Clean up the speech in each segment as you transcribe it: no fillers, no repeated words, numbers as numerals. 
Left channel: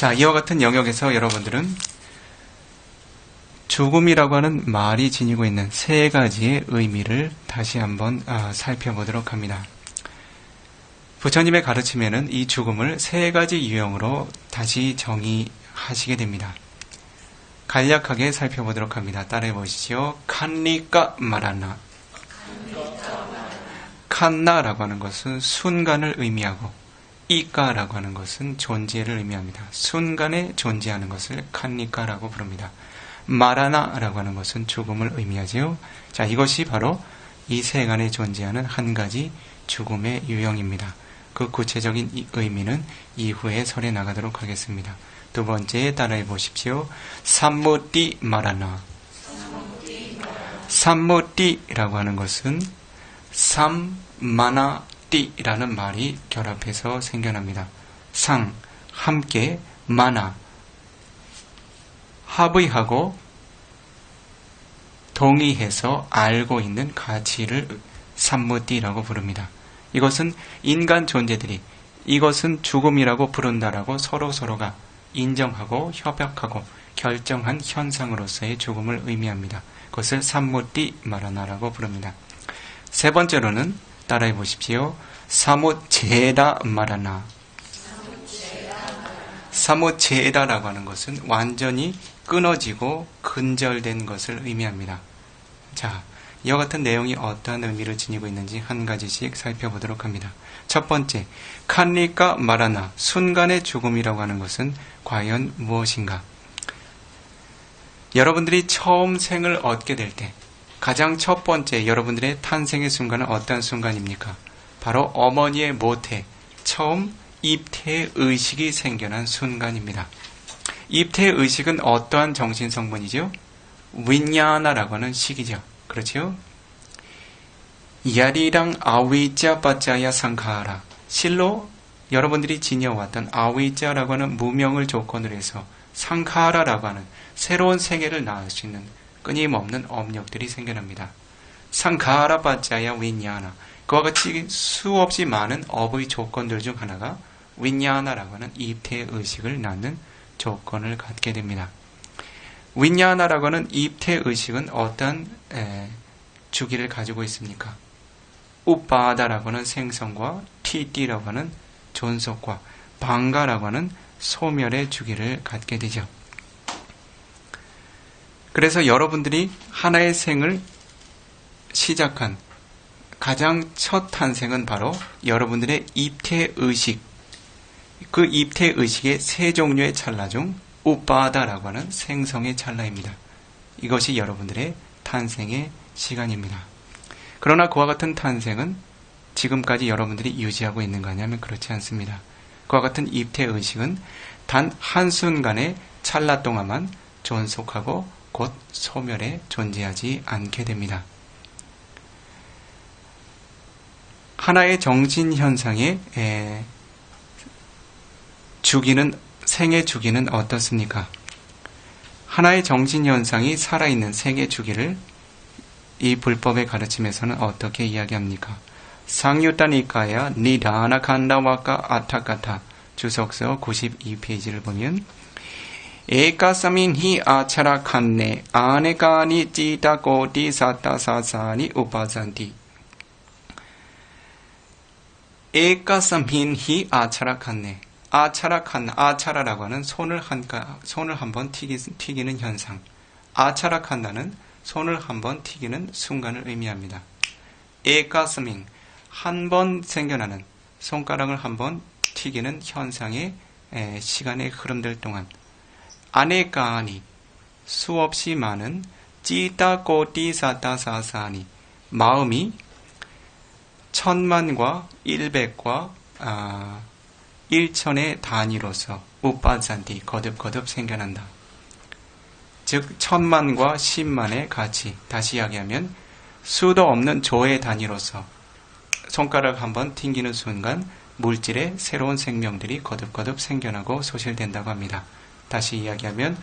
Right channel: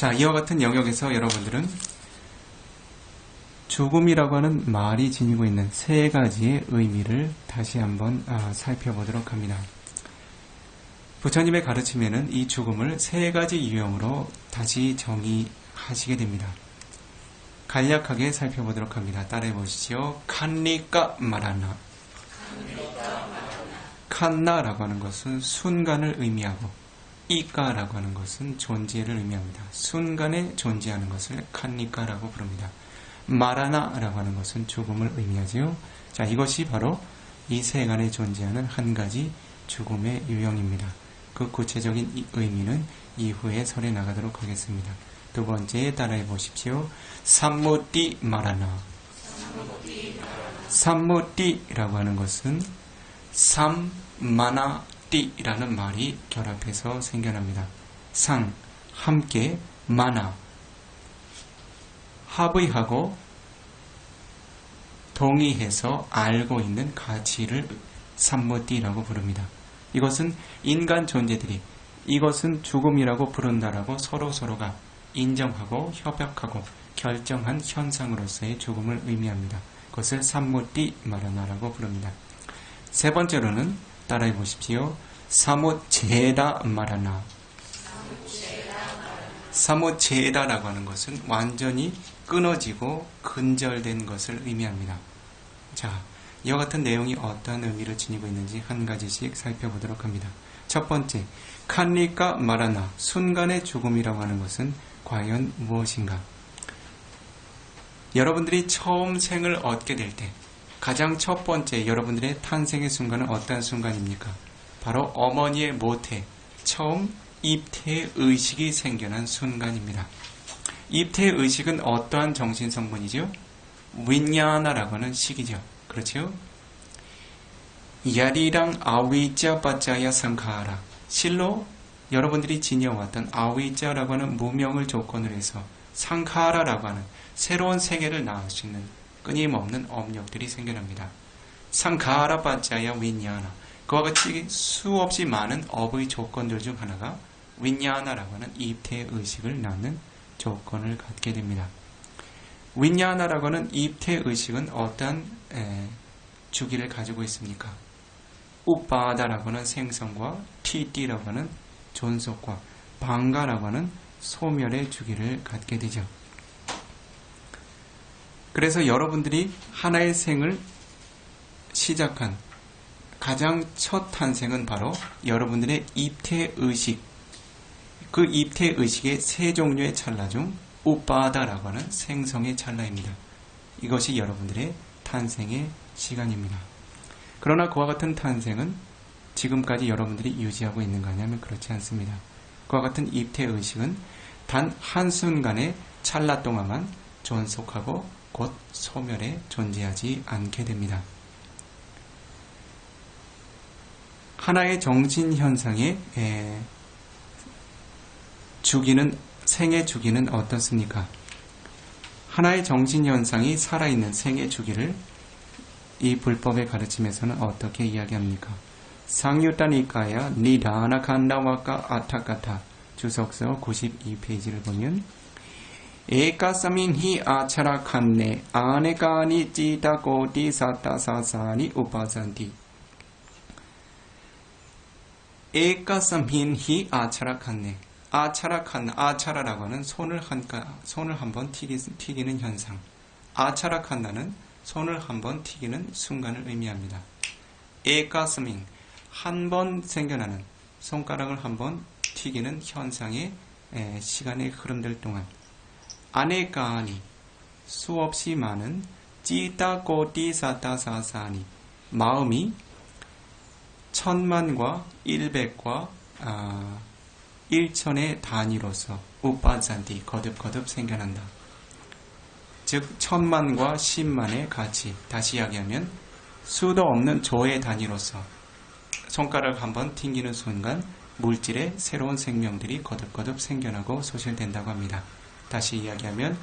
자, 이와 같은 영역에서 여러분들은 죽음이라고 하는 말이 지니고 있는 세 가지의 의미를 다시 한번 살펴보도록 합니다. 부처님의 가르침에는 이 죽음을 세 가지 유형으로 다시 정의하시게 됩니다. 간략하게 살펴보도록 합니다. 따라해 보시죠. 칸니까 마라나. 칸나라고 하는 것은 순간을 의미하고 이까라고 하는 것은 존재를 의미합니다. 순간에 존재하는 것을 칸니까라고 부릅니다. 마라나라고 하는 것은 죽음을 의미하지요. 자, 이것이 바로 이 세간에 존재하는 한 가지 죽음의 유형입니다. 그 구체적인 의미는 이후에 설해 나가도록 하겠습니다. 두 번째 따라해 보십시오. 삼무띠 마라나. 삼무띠라고 하는 것은 삼마나띠라는 말이 결합해서 생겨납니다. 상, 함께, 마나, 합의하고 동의해서 알고 있는 가치를 삼무띠라고 부릅니다. 이것은 인간 존재들이 이것은 죽음이라고 부른다라고 서로가 인정하고 협약하고 결정한 현상으로서의 죽음을 의미합니다. 그것을 삼무띠 마라나라고 부릅니다. 세 번째로는 따라해 보십시오. 사무제다 마라나. 사무제다라고 하는 것은 완전히 끊어지고 근절된 것을 의미합니다. 자, 이와 같은 내용이 어떠한 의미를 지니고 있는지 한 가지씩 살펴보도록 합니다. 첫 번째, 칸리까 마라나, 순간의 죽음이라고 하는 것은 과연 무엇인가? 여러분들이 처음 생을 얻게 될 때 가장 첫 번째 여러분들의 탄생의 순간은 어떤 순간입니까? 바로 어머니의 모태, 처음 입태의식이 생겨난 순간입니다. 입태의식은 어떠한 정신성분이죠? 윈야나라고 하는 식이죠. 그렇죠? 야리랑 아위자 빠짜야 상카하라. 실로 여러분들이 지녀왔던 아위자라고 하는 무명을 조건으로 해서 상카하라라고 하는 새로운 세계를 낳을 수 있는 끊임없는 업력들이 생겨납니다. 상카하라 빠짜야 윈야나. 그와 같이 수없이 많은 업의 조건들 중 하나가 윈야나라고 하는 입태의식을 낳는 조건을 갖게 됩니다. 윈야나라고 하는 입태의식은 어떠한 주기를 가지고 있습니까? 우빠다라고 하는 생성과 티띠라고 하는 존속과 방가라고 하는 소멸의 주기를 갖게 되죠. 그래서 여러분들이 하나의 생을 시작한 가장 첫 탄생은 바로 여러분들의 입태의식, 그 입태의식의 세 종류의 찰나 중 우빠다라고 하는 생성의 찰나입니다. 이것이 여러분들의 탄생의 시간입니다. 그러나 그와 같은 탄생은 지금까지 여러분들이 유지하고 있는 거 아니냐면 그렇지 않습니다. 그와 같은 입태의식은 단 한순간의 찰나 동안만 존속하고 곧 소멸에 존재하지 않게 됩니다. 하나의 정신현상의 주기는, 생의 주기는 어떻습니까? 하나의 정신현상이 살아있는 생의 주기를 이 불법의 가르침에서는 어떻게 이야기합니까? 상유타니카야 니다나 칸다와카 아타카타 주석서 92페이지를 보면 에카사민히 아차라 칸네 아네카니 찌타코티 사타사사니 우파산티. 에카사민히 아차라 칸네. 아차라 칸나, 아차라라고 하는 손을 한번 튀기는 현상. 아차라 칸나는 손을 한번 튀기는 순간을 의미합니다. 에카스밍, 한번 생겨나는 손가락을 한번 튀기는 현상의 시간의 흐름들 동안 아네카니, 수없이 많은 찌타코티 사타사사니, 마음이 천만과 일백과 일천의 단위로서 우빠산디 거듭 생겨난다. 즉 천만과 십만의 가치, 다시 이야기하면 수도 없는 조의 단위로서 손가락 한번 튕기는 순간 물질의 새로운 생명들이 거듭 생겨나고 소실된다고 합니다. 다시 이야기하면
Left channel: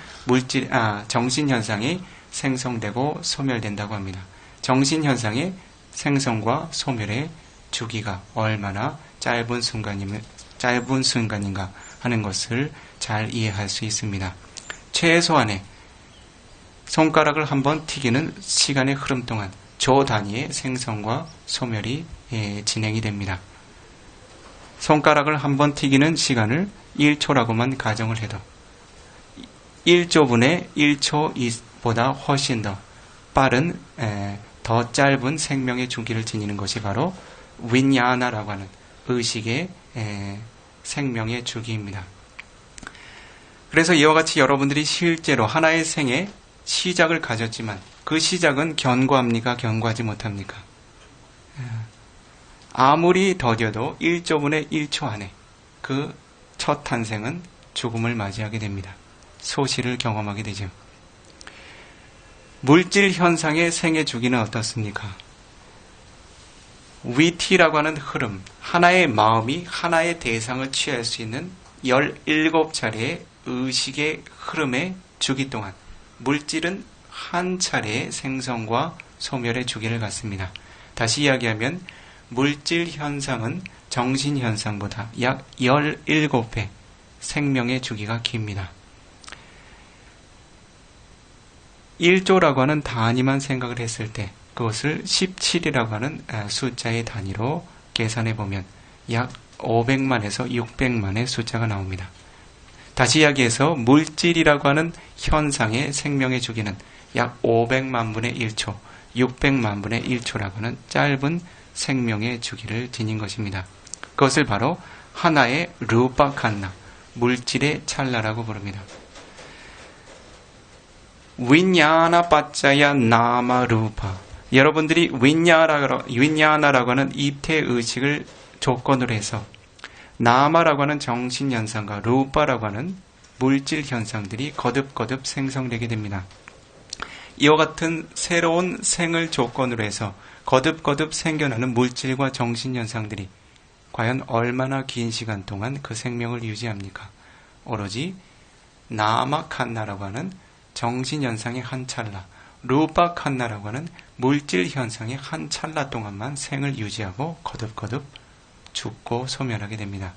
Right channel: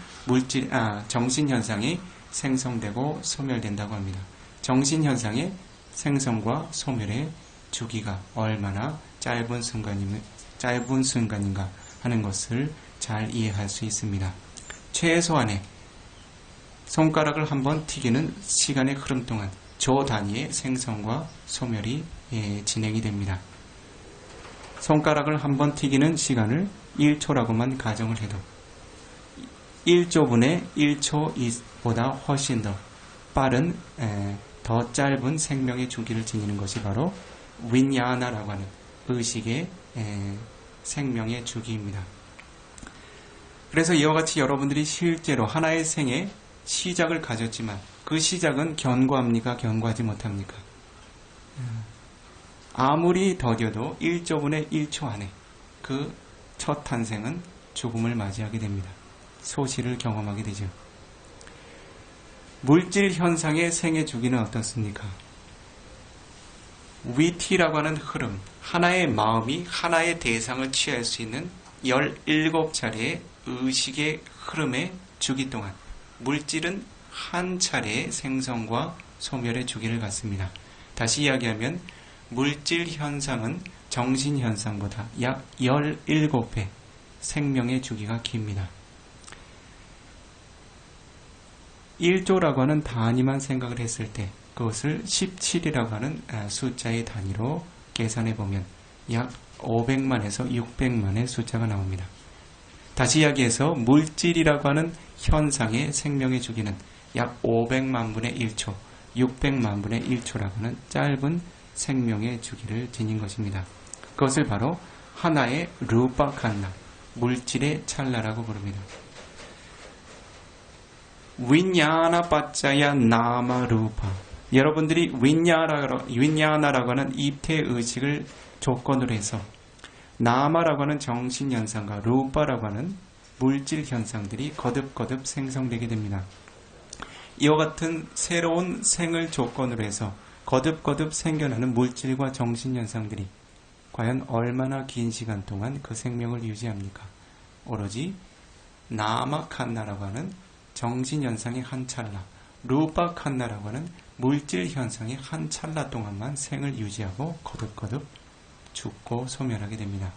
정신현상이 생성되고 소멸된다고 합니다. 정신현상의 생성과 소멸의 주기가 얼마나 짧은 순간임을 짧은 순간인가 하는 것을 잘 이해할 수 있습니다. 최소한의 손가락을 한번 튀기는 시간의 흐름 동안 조 단위의 생성과 소멸이 진행이 됩니다. 손가락을 한번 튀기는 시간을 1초라고만 가정을 해도 1조분의 1초보다 훨씬 더 빠른, 더 짧은 생명의 주기를 지니는 것이 바로 윈야나라고 하는 의식의 생명의 주기입니다. 그래서 이와 같이 여러분들이 실제로 하나의 생에 시작을 가졌지만 그 시작은 견고합니까? 견고하지 못합니까? 아무리 더뎌도 1조분의 1초 안에 그 첫 탄생은 죽음을 맞이하게 됩니다. 소실을 경험하게 되죠. 물질 현상의 생의 주기는 어떻습니까? 위티라고 하는 흐름, 하나의 마음이 하나의 대상을 취할 수 있는 17차례의 의식의 흐름의 주기 동안 물질은 한 차례의 생성과 소멸의 주기를 갖습니다. 다시 이야기하면 물질 현상은 정신 현상보다 약 17배 생명의 주기가 깁니다. 1조라고 하는 단위만 생각을 했을 때 그것을 17이라고 하는 숫자의 단위로 계산해 보면 약 500만에서 600만의 숫자가 나옵니다. 다시 이야기해서 물질이라고 하는 현상의 생명의 주기는 약 500만 분의 1초, 600만 분의 1초라고 하는 짧은 생명의 주기를 지닌 것입니다. 그것을 바로 하나의 루파칸나, 물질의 찰나라고 부릅니다. 윈야나 빠짜야 나마 루파. 여러분들이 윈야나라고 하는 입태 의식을 조건으로 해서 나마라고 하는 정신 현상과 루파라고 하는 물질 현상들이 거듭거듭 생성되게 됩니다. 이와 같은 새로운 생을 조건으로 해서 거듭거듭 생겨나는 물질과 정신 현상들이 과연 얼마나 긴 시간 동안 그 생명을 유지합니까? 오로지 나마칸나라고 하는 정신 현상의 한 찰나, 루파칸나라고 하는 물질 현상의 한 찰나 동안만 생을 유지하고 거듭거듭 죽고 소멸하게 됩니다.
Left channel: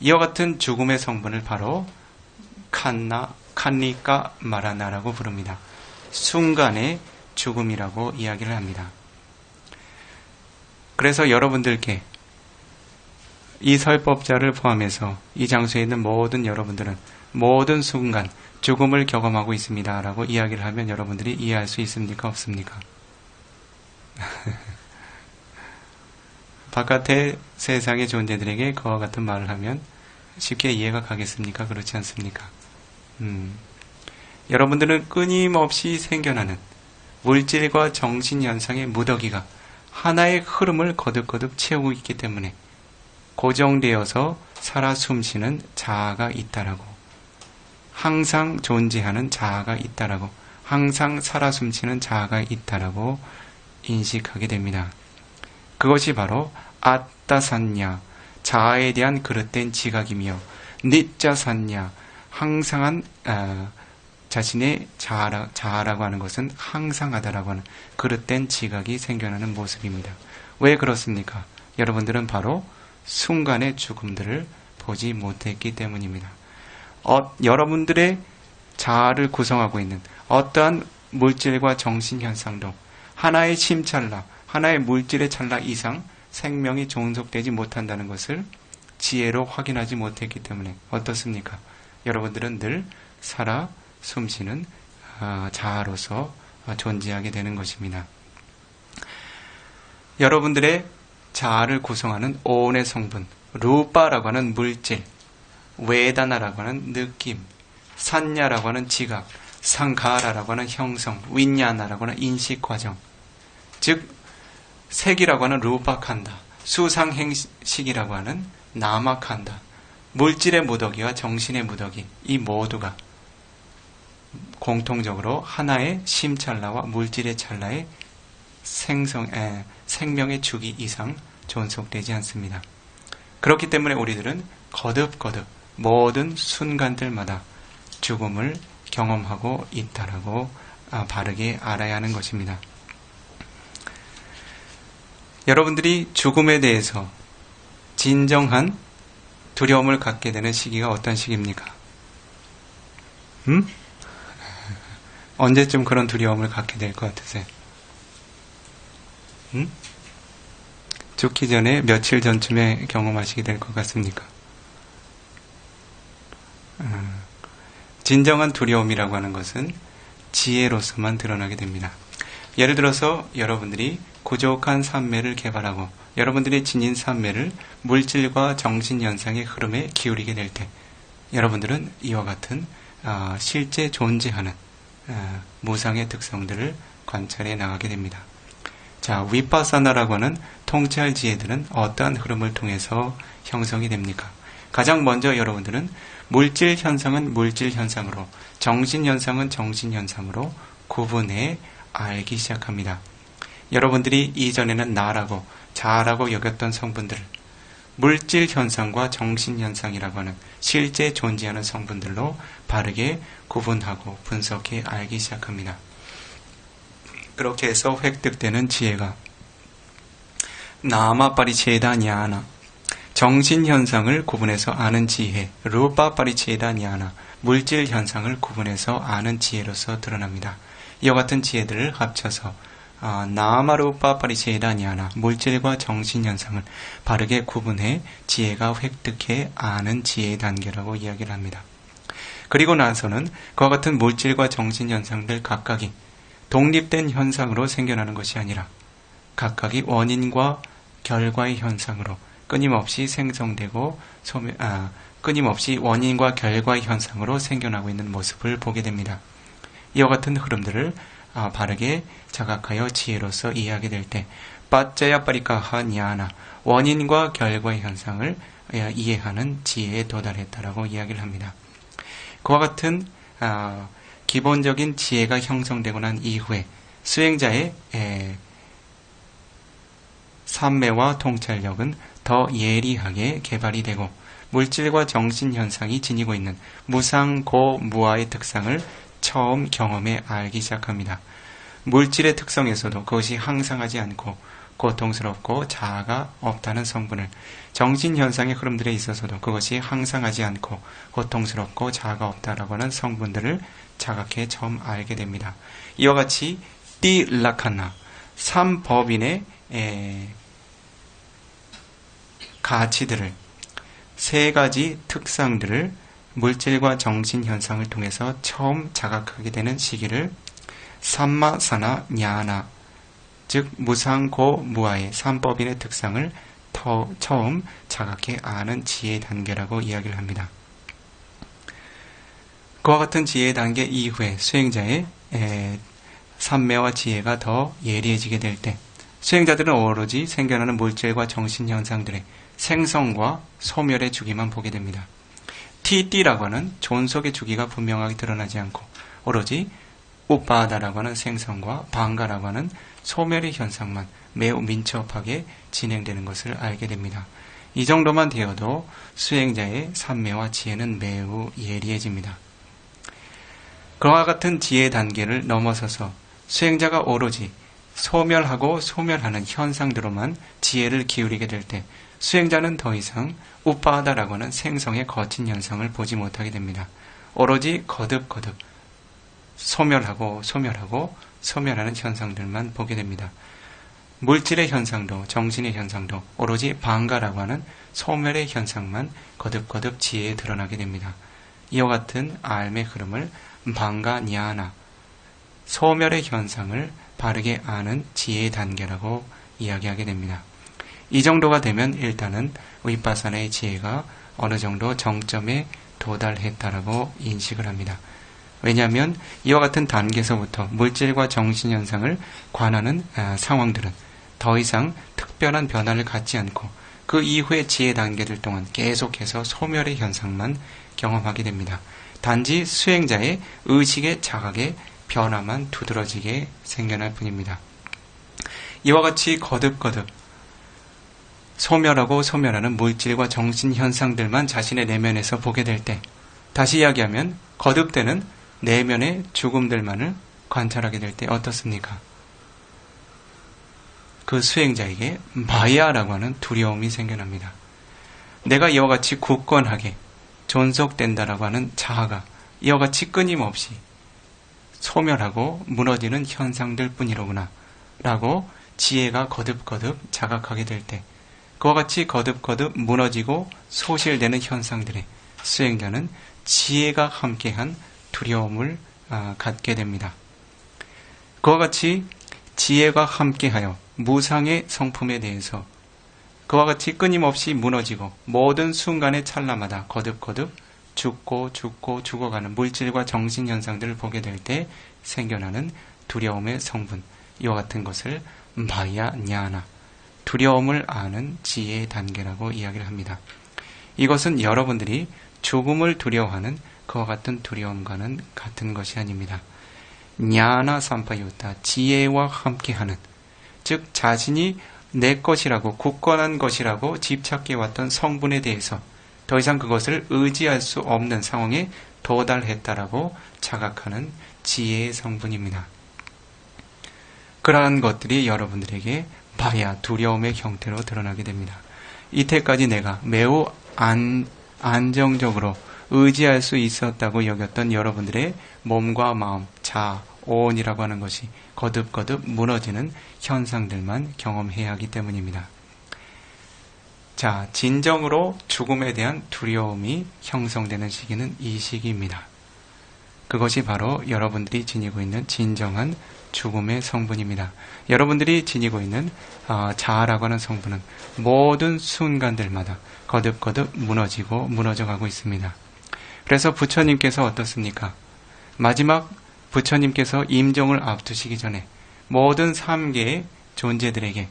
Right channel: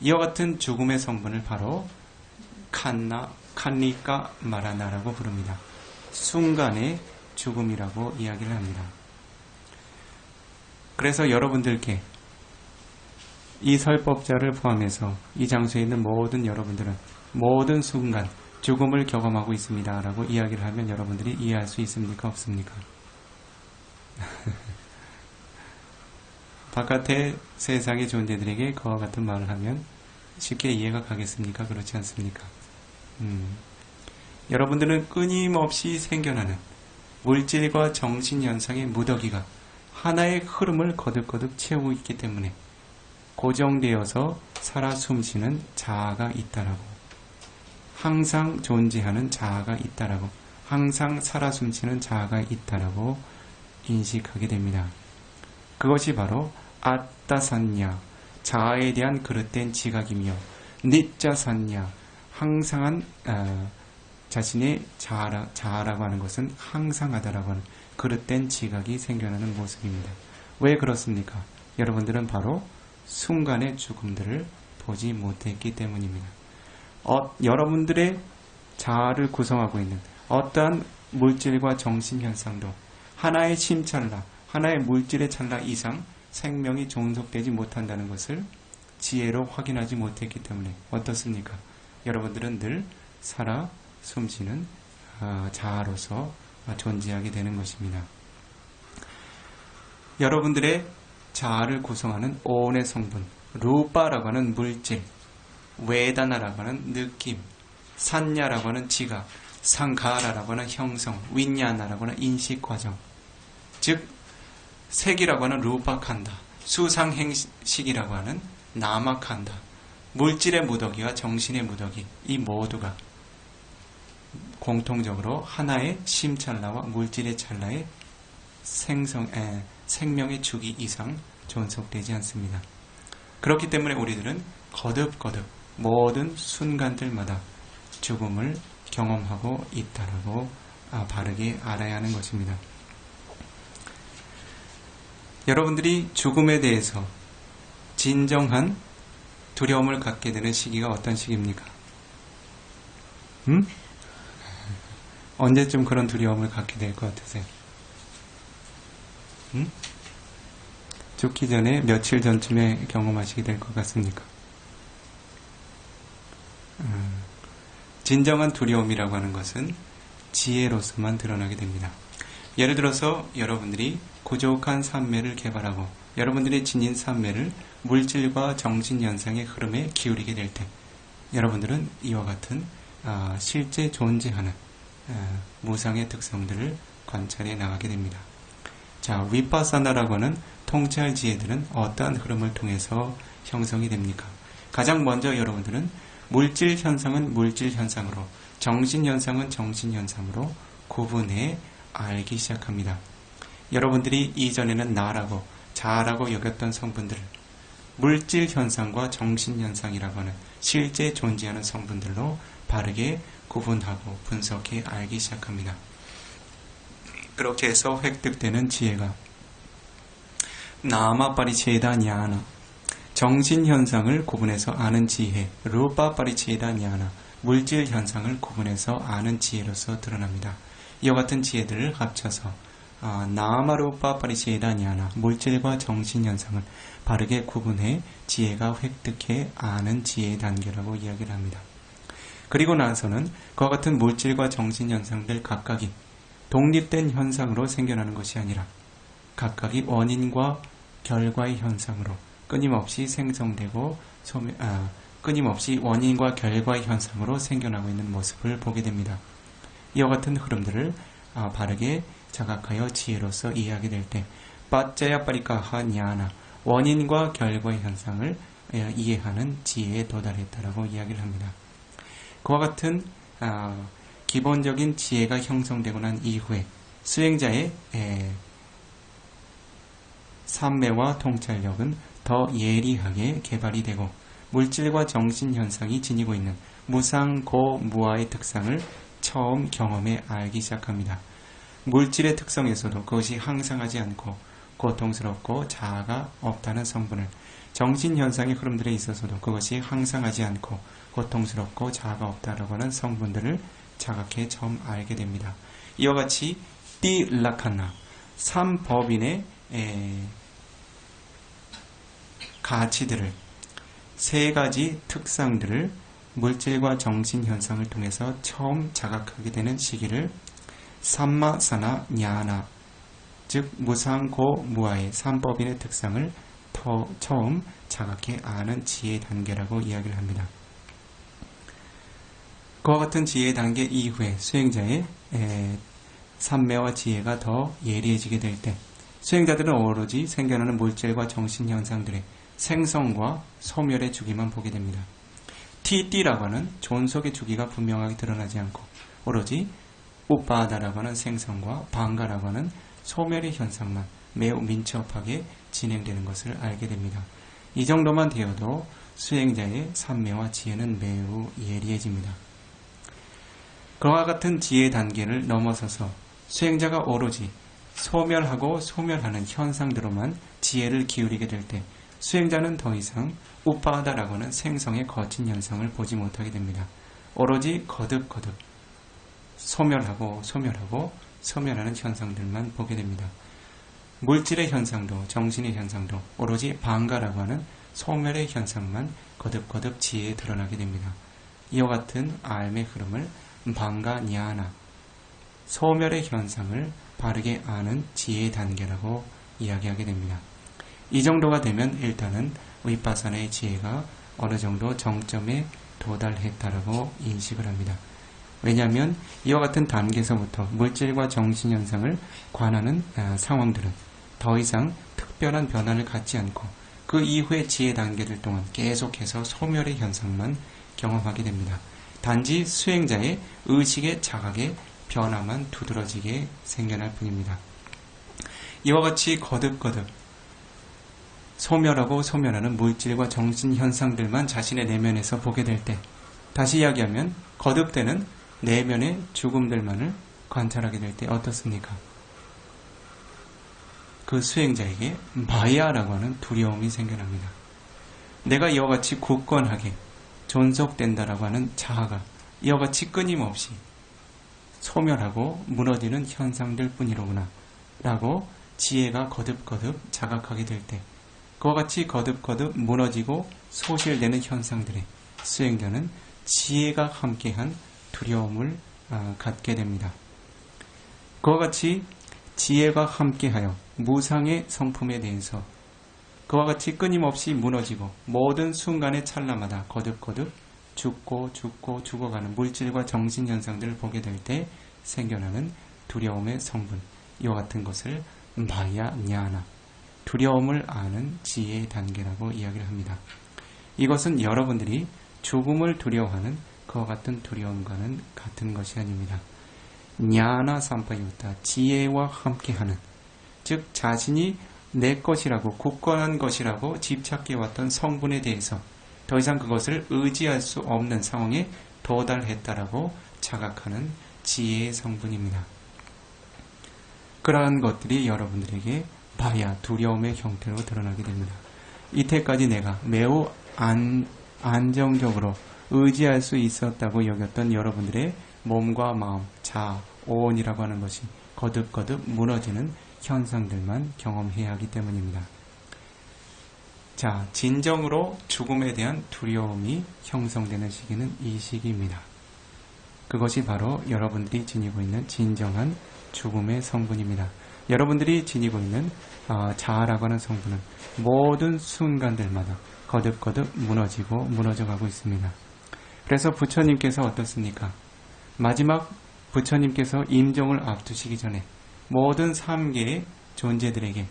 이와 같은 죽음의 성분을 바로 칸니까 마라나라고 부릅니다. 순간의 죽음이라고 이야기를 합니다. 그래서 여러분들께 이 설법자를 포함해서 이 장소에 있는 모든 여러분들은 모든 순간 죽음을 경험하고 있습니다 라고 이야기를 하면 여러분들이 이해할 수 있습니까? 없습니까? 바깥의 세상의 존재들에게 그와 같은 말을 하면 쉽게 이해가 가겠습니까? 그렇지 않습니까? 여러분들은 끊임없이 생겨나는 물질과 정신현상의 무더기가 하나의 흐름을 거듭거듭 채우고 있기 때문에 고정되어서 살아 숨쉬는 자아가 있다라고, 항상 존재하는 자아가 있다라고, 항상 살아 숨쉬는 자아가 있다라고 인식하게 됩니다. 그것이 바로 아따산냐, 자아에 대한 그릇된 지각이며 니짜산냐, 항상한 자신의 자아라고 하는 것은 항상하다라고 하는 그릇된 지각이 생겨나는 모습입니다. 왜 그렇습니까? 여러분들은 바로 순간의 죽음들을 보지 못했기 때문입니다. 여러분들의 자아를 구성하고 있는 어떠한 물질과 정신현상도 하나의 심찰나, 하나의 물질의 찰나 이상 생명이 존속되지 못한다는 것을 지혜로 확인하지 못했기 때문에 어떻습니까? 여러분들은 늘 살아 숨쉬는 자아로서 존재하게 되는 것입니다. 여러분들의 자아를 구성하는 오온의 성분, 루파라고 하는 물질, 웨다나라고 하는 느낌, 산냐라고 하는 지각, 상가라라고 하는 형성, 윈야나라고 하는 인식 과정, 즉 색이라고 하는 루파칸다, 수상행식이라고 하는 나마칸다, 물질의 무더기와 정신의 무더기, 이 모두가 공통적으로 하나의 심찰나와 물질의 찰나의 생명의 주기 이상 존속되지 않습니다. 그렇기 때문에 우리들은 거듭거듭 모든 순간들마다 죽음을 경험하고 있다라고 바르게 알아야 하는 것입니다. 여러분들이 죽음에 대해서 진정한 두려움을 갖게 되는 시기가 어떤 시기입니까? 언제쯤 그런 두려움을 갖게 될 것 같으세요? 죽기 전에 며칠 전쯤에 경험하시게 될 것 같습니까? 진정한 두려움이라고 하는 것은 지혜로서만 드러나게 됩니다. 예를 들어서 여러분들이 고족한 산매를 개발하고 여러분들이 지닌 산매를 물질과 정신현상의 흐름에 기울이게 될 때 여러분들은 이와 같은 실제 존재하는 무상의 특성들을 관찰해 나가게 됩니다. 자, 위파사나라고 하는 통찰 지혜들은 어떠한 흐름을 통해서 형성이 됩니까? 가장 먼저 여러분들은 물질 현상은 물질 현상으로, 정신 현상은 정신 현상으로 구분해 알기 시작합니다. 여러분들이 이전에는 나라고 자라고 여겼던 성분들을 물질 현상과 정신 현상이라고 하는 실제 존재하는 성분들로 바르게 구분하고 분석해 알기 시작합니다. 그렇게 해서 획득되는 지혜가 나마파리체다 냐나, 정신 현상을 구분해서 아는 지혜, 루파파리체다 냐나, 물질 현상을 구분해서 아는 지혜로서 드러납니다. 이와 같은 지혜들을 합쳐서 나마루파파리체다 냐나, 물질과 정신 현상을 바르게 구분해 지혜가 획득해 아는 지혜의 단계라고 이야기를 합니다. 그리고 나서는 그와 같은 물질과 정신 현상들 각각이 독립된 현상으로 생겨나는 것이 아니라 각각이 원인과 결과의 현상으로 끊임없이 생성되고 끊임없이 원인과 결과의 현상으로 생겨나고 있는 모습을 보게 됩니다. 이와 같은 흐름들을 바르게 자각하여 지혜로서 이해하게 될 때 빠짜야빠리카하 냐나, 원인과 결과의 현상을 이해하는 지혜에 도달했다라고 이야기를 합니다. 그와 같은 기본적인 지혜가 형성되고 난 이후에 수행자의 삼매와 통찰력은 더 예리하게 개발이 되고 물질과 정신 현상이 지니고 있는 무상고무아의 특성을 처음 경험해 알기 시작합니다. 물질의 특성에서도 그것이 항상하지 않고 고통스럽고 자아가 없다는 성분을, 정신 현상의 흐름들에 있어서도 그것이 항상하지 않고 고통스럽고 자아가 없다라고 하는 성분들을 자각해 처음 알게 됩니다. 이와 같이 띠라카나, 삼법인의 가치들을, 세 가지 특성들을 물질과 정신 현상을 통해서 처음 자각하게 되는 시기를 삼마사나 냐나, 즉 무상고무아의 삼법인의 특성을 처음 자각해 아는 지혜의 단계라고 이야기를 합니다. 그와 같은 지혜의 단계 이후에 수행자의 삼매와 지혜가 더 예리해지게 될 때 수행자들은 오로지 생겨나는 물질과 정신 현상들의 생성과 소멸의 주기만 보게 됩니다. 티띠라고 하는 존속의 주기가 분명하게 드러나지 않고 오로지 우빠다라고 하는 생성과 방가라고 하는 소멸의 현상만 매우 민첩하게 진행되는 것을 알게 됩니다. 이 정도만 되어도 수행자의 삼매와 지혜는 매우 예리해집니다. 그와 같은 지혜 단계를 넘어서서 수행자가 오로지 소멸하고 소멸하는 현상들로만 지혜를 기울이게 될 때 수행자는 더 이상 우빠하다라고 하는 생성의 거친 현상을 보지 못하게 됩니다. 오로지 거듭거듭 소멸하고 소멸하는 현상들만 보게 됩니다. 물질의 현상도 정신의 현상도 오로지 방가라고 하는 소멸의 현상만 거듭거듭 지혜에 드러나게 됩니다. 이와 같은 알의 흐름을 방가 냐나, 소멸의 현상을 바르게 아는 지혜의 단계라고 이야기하게 됩니다. 이 정도가 되면 일단은 위파사나의 지혜가 어느 정도 정점에 도달했다라고 인식을 합니다. 왜냐하면 이와 같은 단계에서부터 물질과 정신 현상을 관하는 상황들은 더 이상 특별한 변화를 갖지 않고 그 이후의 지혜 단계들 동안 계속해서 소멸의 현상만 경험하게 됩니다. 단지 수행자의 의식의 자각의 변화만 두드러지게 생겨날 뿐입니다. 이와 같이 거듭거듭 소멸하고 소멸하는 물질과 정신 현상들만 자신의 내면에서 보게 될 때, 다시 이야기하면 거듭되는 내면의 죽음들만을 관찰하게 될 때 어떻습니까? 그 수행자에게 마야라고 하는 두려움이 생겨납니다. 내가 이와 같이 굳건하게 존속된다라고 하는 자아가 이와 같이 끊임없이 소멸하고 무너지는 현상들 뿐이로구나 라고 지혜가 거듭거듭 자각하게 될 때, 그와 같이 거듭거듭 무너지고 소실되는 현상들의 수행자는 지혜가 함께한 두려움을 갖게 됩니다. 그와 같이 지혜가 함께하여 무상의 성품에 대해서 그와 같이 끊임없이 무너지고 모든 순간의 찰나마다 거듭거듭 죽어가는 물질과 정신 현상들을 보게 될 때 생겨나는 두려움의 성분, 이와 같은 것을 마야 냐나, 두려움을 아는 지혜의 단계라고 이야기를 합니다. 이것은 여러분들이 죽음을 두려워하는 그와 같은 두려움과는 같은 것이 아닙니다. 냐나 삼파유타, 지혜와 함께하는, 즉 자신이 내 것이라고 굳건한 것이라고 집착해왔던 성분에 대해서 더 이상 그것을 의지할 수 없는 상황에 도달했다라고 자각하는 지혜의 성분입니다. 그러한 것들이 여러분들에게 바야, 두려움의 형태로 드러나게 됩니다. 이때까지 내가 매우 안정적으로 의지할 수 있었다고 여겼던 여러분들의 몸과 마음, 자, 오온이라고 하는 것이 거듭거듭 무너지는 현상들만 경험해야 하기 때문입니다. 자, 진정으로 죽음에 대한 두려움이 형성되는 시기는 이 시기입니다. 그것이 바로 여러분들이 지니고 있는 진정한 죽음의 성분입니다. 여러분들이 지니고 있는 자아라고 하는 성분은 모든 순간들마다 거듭거듭 무너져가고 있습니다. 그래서 부처님께서 어떻습니까? 마지막 부처님께서 임종을 앞두시기 전에 모든 3개의 존재들에게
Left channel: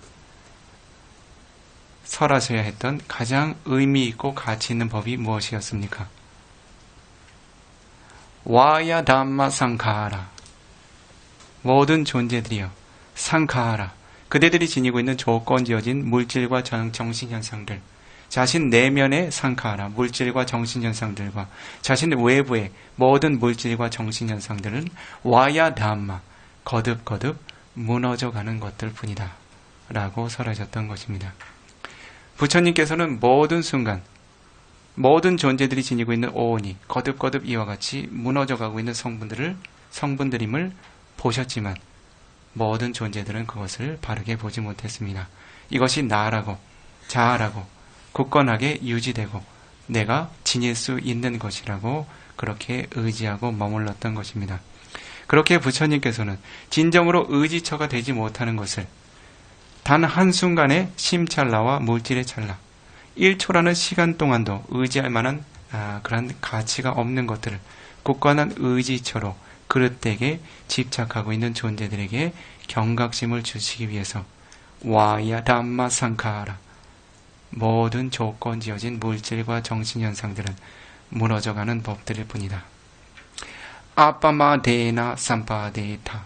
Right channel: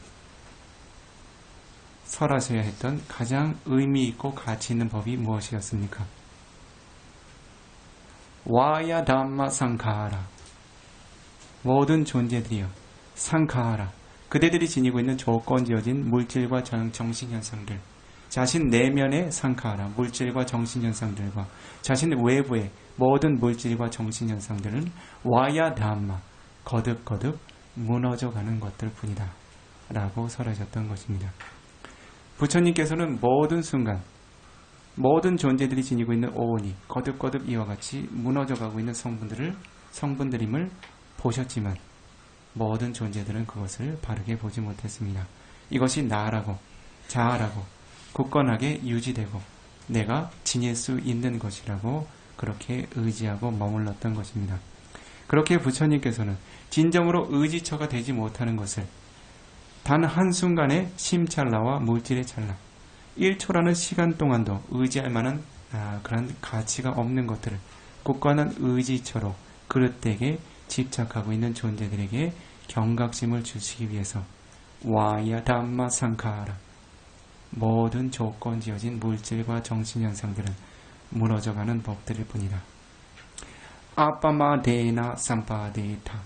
설하셔야 했던 가장 의미 있고 가치 있는 법이 무엇이었습니까? 와야 담마 상카하라. 모든 존재들이여 상카하라. 그대들이 지니고 있는 조건지어진 물질과 정신현상들, 자신 내면의 상카하라, 물질과 정신현상들과 자신 외부의 모든 물질과 정신현상들은 와야 담마, 거듭거듭 무너져가는 것들 뿐이다 라고 설하셨던 것입니다. 부처님께서는 모든 순간 모든 존재들이 지니고 있는 오온이 거듭거듭 이와 같이 무너져가고 있는 성분들임을 보셨지만 모든 존재들은 그것을 바르게 보지 못했습니다. 이것이 나라고 자아라고 굳건하게 유지되고 내가 지닐 수 있는 것이라고 그렇게 의지하고 머물렀던 것입니다. 그렇게 부처님께서는 진정으로 의지처가 되지 못하는 것을 단 한순간의 심찰나와 물질의 찰나, 1초라는 시간 동안도 의지할 만한 그런 가치가 없는 것들을 굳건한 의지처로 그릇되게 집착하고 있는 존재들에게 경각심을 주시기 위해서 와야 담마 상카하라, 모든 조건지어진 물질과 정신현상들은 무너져가는 법들일 뿐이다. 아빠마데나 삼파데타,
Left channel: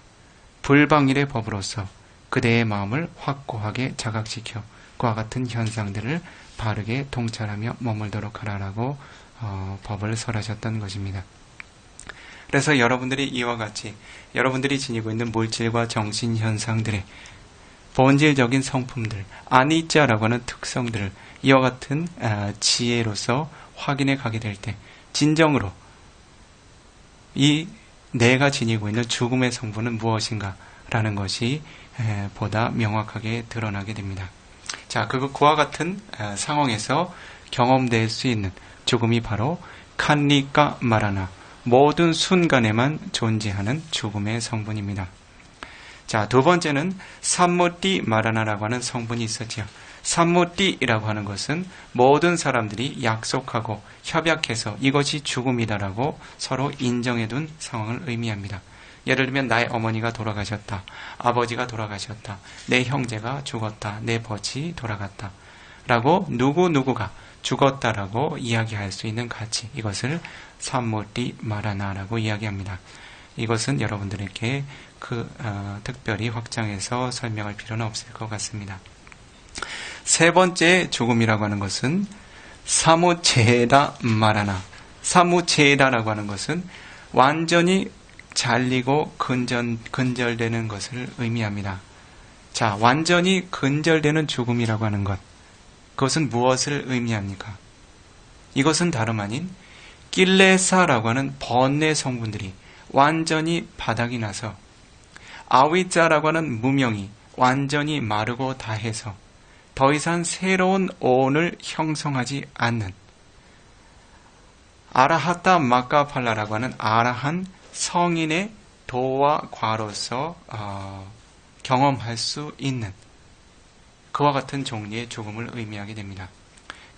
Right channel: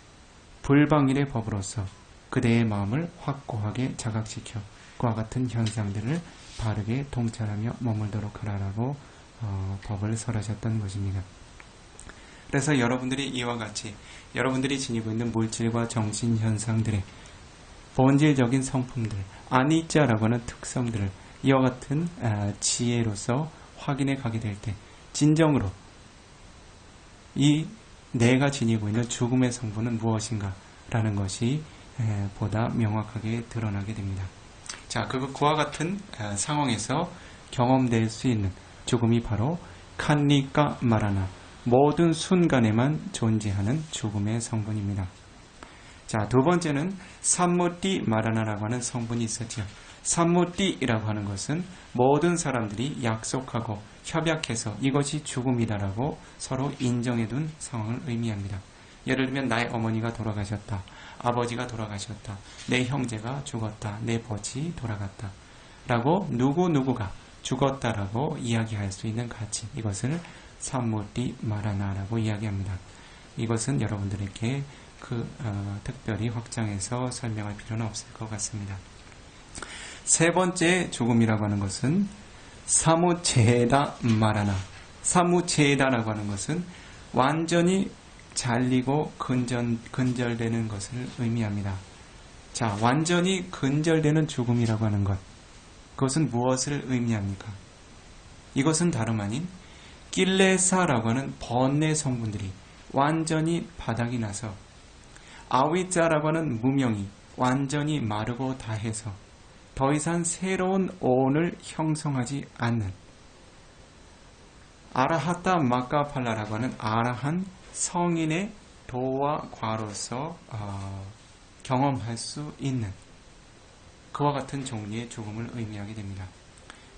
불방일의 법으로서 그대의 마음을 확고하게 자각시켜 그와 같은 현상들을 바르게 통찰하며 머물도록 하라라고 법을 설하셨던 것입니다. 그래서 여러분들이 이와 같이 여러분들이 지니고 있는 물질과 정신현상들의 본질적인 성품들, 아니짜라고 하는 특성들을 이와 같은 지혜로서 확인해 가게 될 때 진정으로 이 내가 지니고 있는 죽음의 성분은 무엇인가 라는 것이 보다 명확하게 드러나게 됩니다. 자, 그와 같은 상황에서 경험될 수 있는 죽음이 바로 칸니까 마라나, 모든 순간에만 존재하는 죽음의 성분입니다. 자, 두 번째는 삼무띠 마라나라고 하는 성분이 있었지요. 삼무띠라고 하는 것은 모든 사람들이 약속하고 협약해서 이것이 죽음이다라고 서로 인정해둔 상황을 의미합니다. 예를 들면 나의 어머니가 돌아가셨다, 아버지가 돌아가셨다, 내 형제가 죽었다, 내 벗이 돌아갔다 라고 누구누구가 죽었다라고 이야기할 수 있는 가치, 이것을 삼무띠 마라나라고 이야기합니다. 이것은 여러분들에게 특별히 확장해서 설명할 필요는 없을 것 같습니다. 세 번째 죽음이라고 하는 것은 사무체다 마라나. 사무체다라고 하는 것은 완전히 잘리고 근절되는 것을 의미합니다. 자, 완전히 근절되는 죽음이라고 하는 것, 그것은 무엇을 의미합니까? 이것은 다름 아닌 길레사라고 하는 번뇌 성분들이 완전히 바닥이 나서 아위자라고 하는 무명이 완전히 마르고 다해서 더 이상 새로운 오온을 형성하지 않는 아라하타 마카팔라라고 하는 아라한 성인의 도와 과로서 경험할 수 있는 그와 같은 종류의 죽음을 의미하게 됩니다.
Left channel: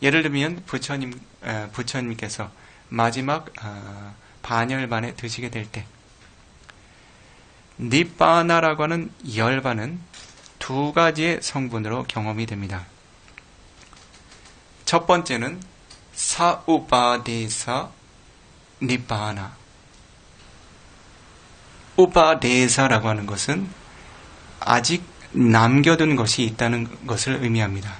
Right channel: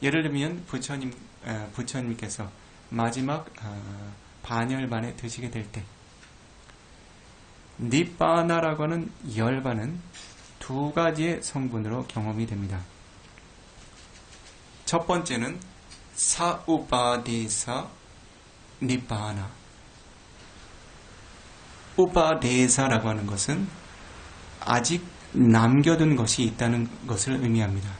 예를 들면 부처님께서 마지막 반열반에 드시게 될 때 니빠나라고 하는 열반은 두 가지의 성분으로 경험이 됩니다. 첫 번째는 사우파데사 니빠나. 우파데사라고 하는 것은 아직 남겨둔 것이 있다는 것을 의미합니다.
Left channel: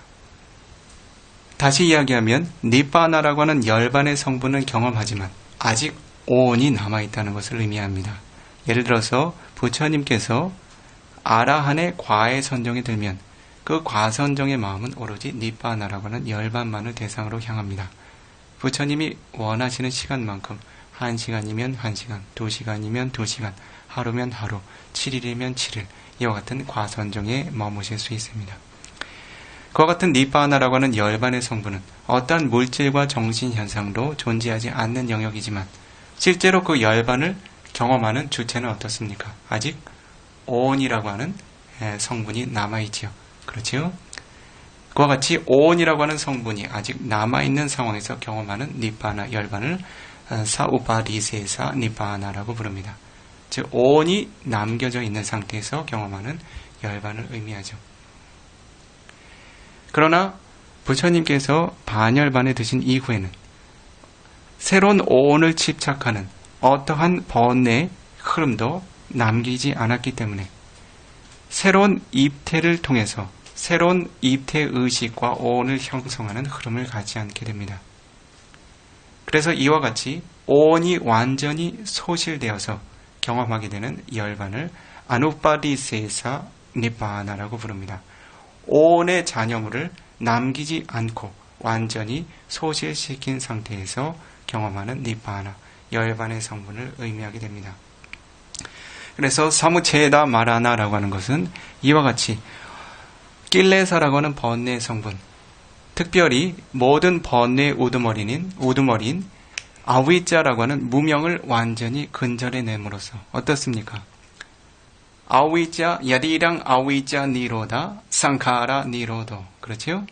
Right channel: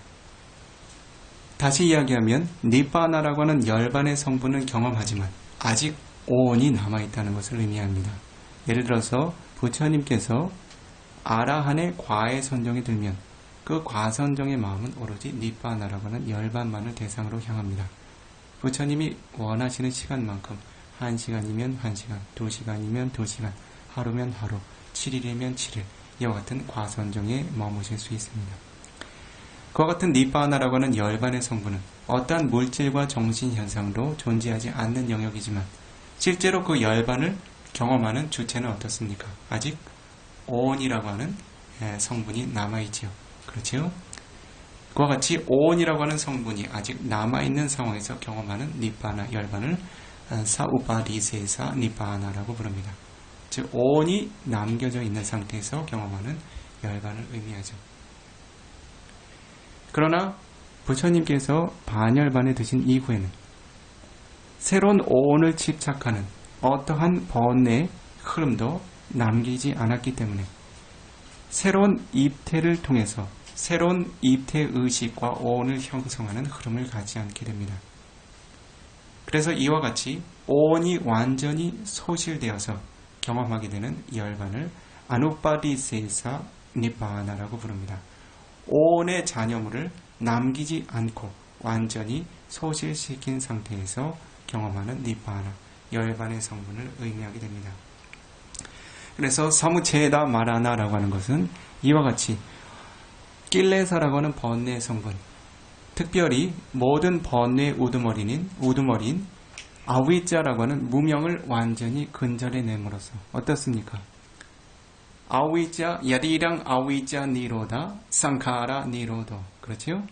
다시 이야기하면 니빠나라고 하는 열반의 성분은 경험하지만 아직 오온이 남아있다는 것을 의미합니다. 예를 들어서 부처님께서 아라한의 과의 선정에 들면 그 과선정의 마음은 오로지 니빠나라고 하는 열반만을 대상으로 향합니다. 부처님이 원하시는 시간만큼 1시간이면 1시간, 2시간이면 2시간, 하루면 하루, 7일이면 7일 이와 같은 과선정에 머무실 수 있습니다. 그와 같은 니빠나라고 하는 열반의 성분은 어떠한 물질과 정신현상으로 존재하지 않는 영역이지만 실제로 그 열반을 경험하는 주체는 어떻습니까? 아직 오온이라고 하는 성분이 남아있지요. 그렇지요? 그와 같이 오온이라고 하는 성분이 아직 남아있는 상황에서 경험하는 니빠나 열반을 사우파리세사 니빠나라고 부릅니다. 즉 오온이 남겨져 있는 상태에서 경험하는 열반을 의미하죠. 그러나 부처님께서 반열반에 드신 이후에는 새로운 오온을 집착하는 어떠한 번뇌의 흐름도 남기지 않았기 때문에 새로운 입태를 통해서 새로운 입태 의식과 오온을 형성하는 흐름을 갖지 않게 됩니다. 그래서 이와 같이 오온이 완전히 소실되어서 경험하게 되는 열반을 아누파리세사 니빠나라고 부릅니다. 오온의 잔여물을 남기지 않고 완전히 소실시킨 상태에서 경험하는 니빠나, 열반의 성분을 의미하게 됩니다. 그래서 사무체에다 마라나라고 하는 것은 이와 같이 길레사라고 하는 번뇌의 성분, 특별히 모든 번뇌의 우두머리인 아위자라고 하는 무명을 완전히 근절해 내므로써 어떻습니까? 아위자, 야리랑 아위자 니로다, 상카라 니로도. 그렇지요?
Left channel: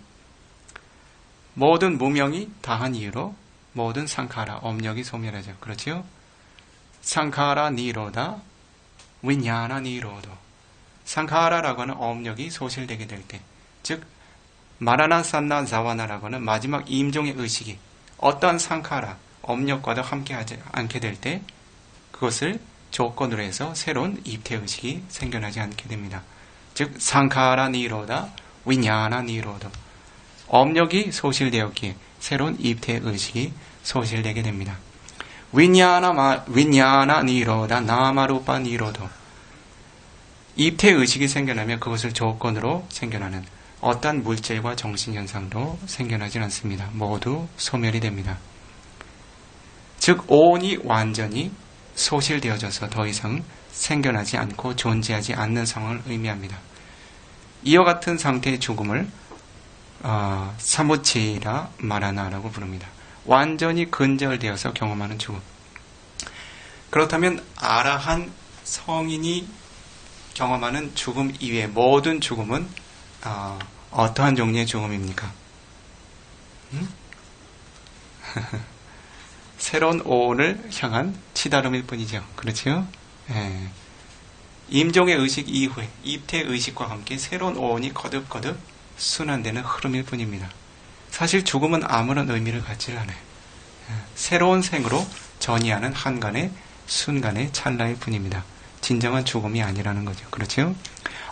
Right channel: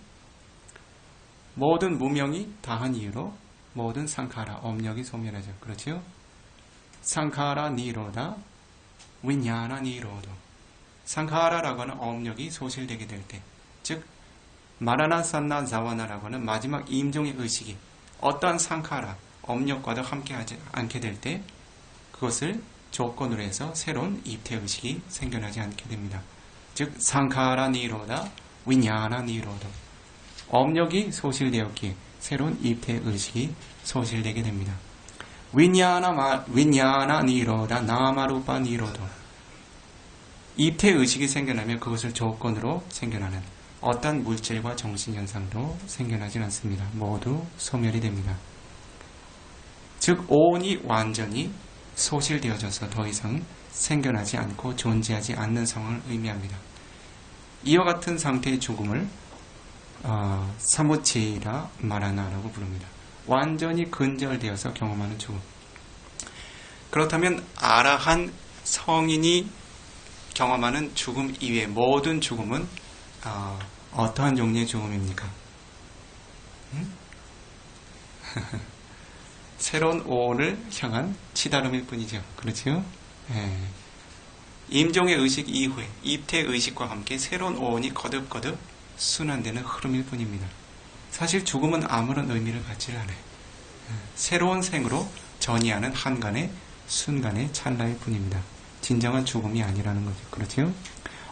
모든 무명이 다한 이유로 모든 상카라, 업력이 소멸하죠. 그렇지요? 상카라 니로다, 위냐나 니로도. 상카라라고 하는 업력이 소실되게 될 때, 즉 마라나산나 자와나라고 하는 마지막 임종의 의식이 어떠한 상카라, 업력과도 함께하지 않게 될 때 그것을 조건으로 해서 새로운 입태의식이 생겨나지 않게 됩니다. 즉 상카라 니로다, 위냐나 니로도. 업력이 소실되었기에 새로운 입태의식이 소실되게 됩니다. 위냐나 니로다, 나마루파 니로도. 입태의식이 생겨나면 그것을 조건으로 생겨나는 어떠한 물질과 정신현상도 생겨나지 않습니다. 모두 소멸이 됩니다. 즉 오온이 완전히 소실되어져서 더 이상 생겨나지 않고 존재하지 않는 상황을 의미합니다. 이와 같은 상태의 죽음을 사무치라 마라나라고 부릅니다. 완전히 근절되어서 경험하는 죽음. 그렇다면 아라한 성인이 경험하는 죽음 이외의 모든 죽음은 어떠한 종류의 죽음입니까? 새로운 오온을 향한 치달음일 뿐이죠. 그렇죠? 임종의 의식 이후에 입태 의식과 함께 새로운 오온이 거듭거듭 순환되는 흐름일 뿐입니다. 사실 죽음은 아무런 의미를 갖지 않아요. 새로운 생으로 전이하는 한간의 순간의 찰나일 뿐입니다. 진정한 죽음이 아니라는 거죠. 그렇죠?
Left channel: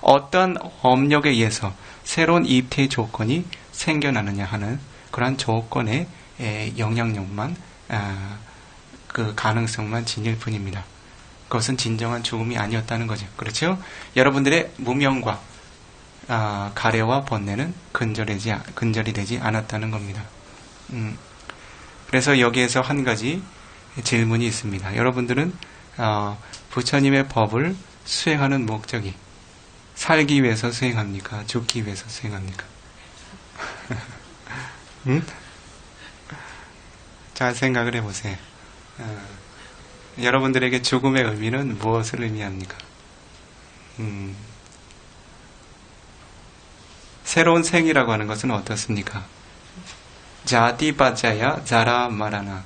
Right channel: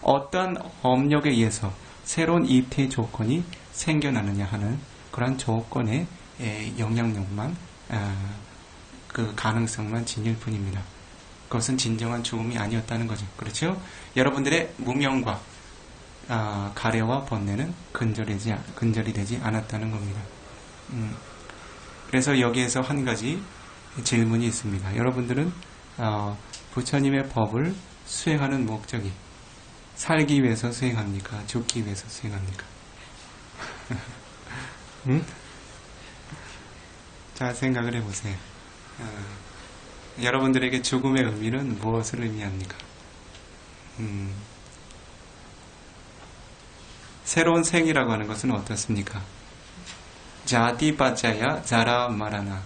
어떤 업력에 의해서 새로운 입태의 조건이 생겨나느냐 하는 그러한 조건의 영향력만 그 가능성만 지닐 뿐입니다. 그것은 진정한 죽음이 아니었다는 거죠. 그렇죠? 여러분들의 무명과 가래와 번뇌는 근절이 되지 않았다는 겁니다. 그래서 여기에서 한 가지 질문이 있습니다. 여러분들은 부처님의 법을 수행하는 목적이 살기 위해서 수행합니까? 죽기 위해서 수행합니까? 응? 잘 생각을 해보세요. 여러분들에게 죽음의 의미는 무엇을 의미합니까? 새로운 생이라고 하는 것은 어떻습니까? 자티 빠짜야 자라 마라나.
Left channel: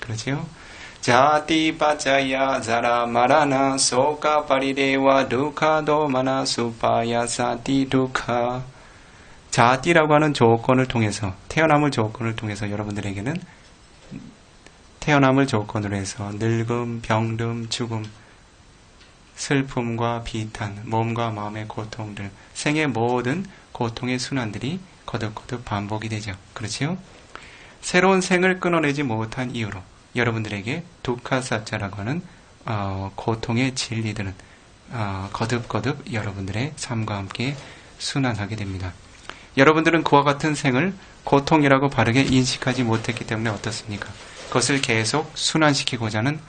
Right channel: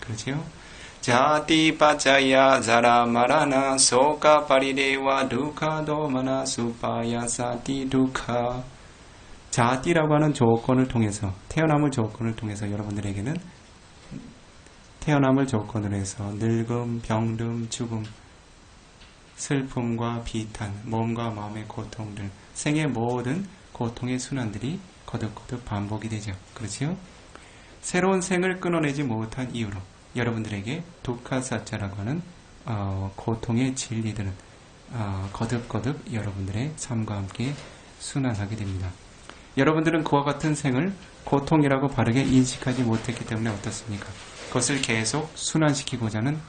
그렇지요? 자티 빠짜야 자라 마라나 소카 파리데와 두카도 마나 수파야 사티 두카. 자티라고 하는 조건을 통해서, 태어남을 조건을 통해서 여러분들에게는 태어남을 조건으로 해서 늙음, 병듦, 죽음, 슬픔과 비탄, 몸과 마음의 고통들, 생의 모든 고통의 순환들이 거듭거듭 반복이 되죠. 그렇지요? 새로운 생을 끊어내지 못한 이유로 여러분들에게 두카사자라고 하는 고통의 진리들은 거듭거듭 여러분들의 삶과 함께 순환하게 됩니다. 여러분들은 그와 같은 생을 고통이라고 바르게 인식하지 못했기 때문에 어떻습니까? 그것을 계속 순환시키고자 하는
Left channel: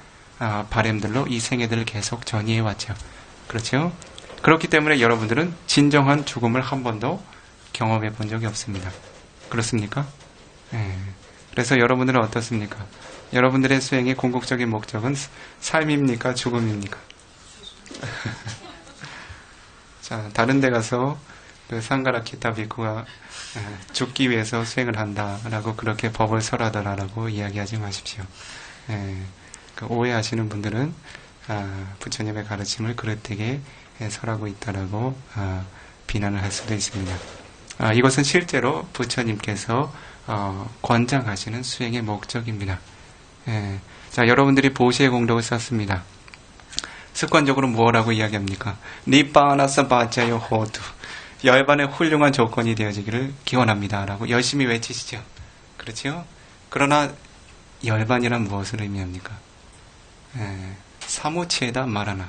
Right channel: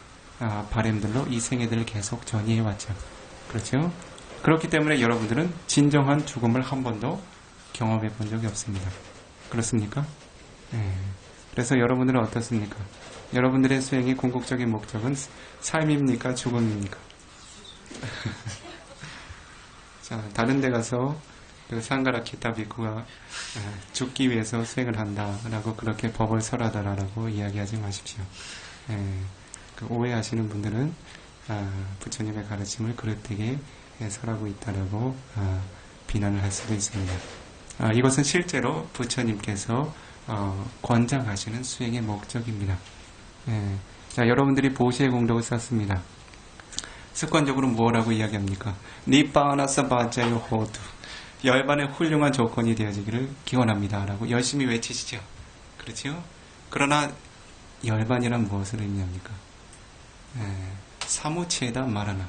바램들로 이 생애들을 계속 전이해 왔죠. 그렇죠? 그렇기 때문에 여러분들은 진정한 죽음을 한 번도 경험해 본 적이 없습니다. 그렇습니까? 네. 그래서 여러분들은 어떻습니까? 여러분들의 수행의 궁극적인 목적은 삶입니까? 죽음입니까? 자, 다른 데 가서 그 상가라키타 비쿠가 죽기 위해서 수행을 한다라고 그렇게 법을 설하더라라고 이야기하지 마십시오. 그 오해하시는 분들은 부처님의 가르침을 그릇되게 설하고 있다라고 비난을 할 수도 있습니다. 이것은 실제로 부처님께서 권장하시는 수행의 목적입니다. 자, 여러분들이 보시의 공덕을 쌓습니다. 습관적으로 무엇라고 이야기합니까? 니빠나사 바자요 호두. 열반의 훌륭한 조건이 되어지기를 기원합니다. 라고 열심히 외치시죠. 그렇지요? 그러나 열반이란 무엇을 의미합니까? 사무치에다 말하나.